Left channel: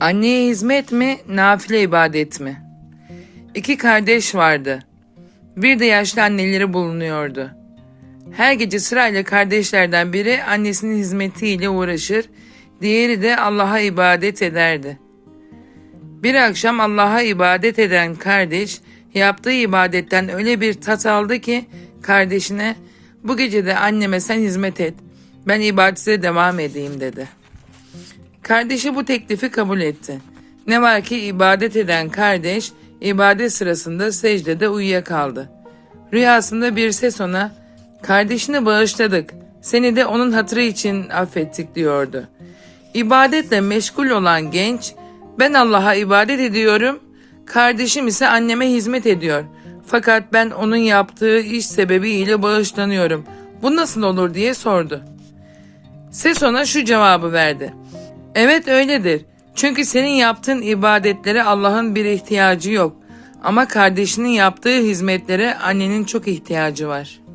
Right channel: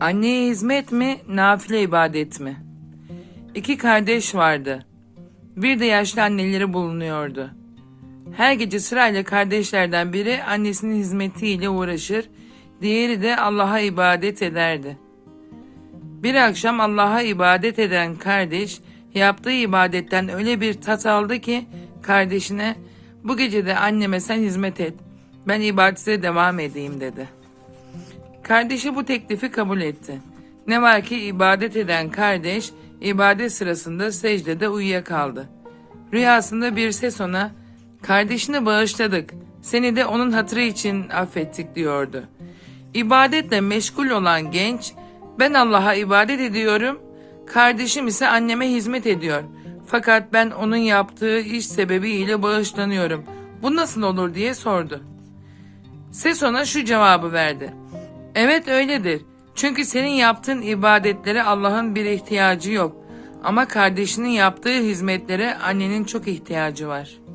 Anneye hizmet mi, nafile ibadet mi? İki kardeş vardı. Bir de yaşlı anneleri bulunuyordu. Her gece sırayla kardeşlerden biri annesinin hizmetiyle uğraşır, diğeri de Allah'a ibadet ederdi. Bir akşam Allah'a ibadet eden kardeş yaptığı ibadetten öyle bir tat aldı ki kardeşine bu gece de anneme sen hizmet et, ben ibadete devam edeyim dedi. Kardeşi bu teklifi kabul etti. Ne var ki ibadet eden kardeş ibadet sırasında secdede uyuyakaldı. Rüyasında bir ses ona kardeşini bağışladık seni de onun hatırı için affettik diyordu. İbadetle meşgul olan genç ben Allah'a ibadet ediyorum kardeşim ise anneme hizmet ediyor. Fakat ben onun yaptığı iş sebebiyle bağışlanıyorum. Bu nasıl olur diye sordu. Ses ona şu cevabı verdi. Evet öyledir. Çünkü senin yaptığın ibadetlere Allah'ın bir ihtiyacı yok. Ama kardeşinin yaptığı hizmetlere annenin çok ihtiyacı var.''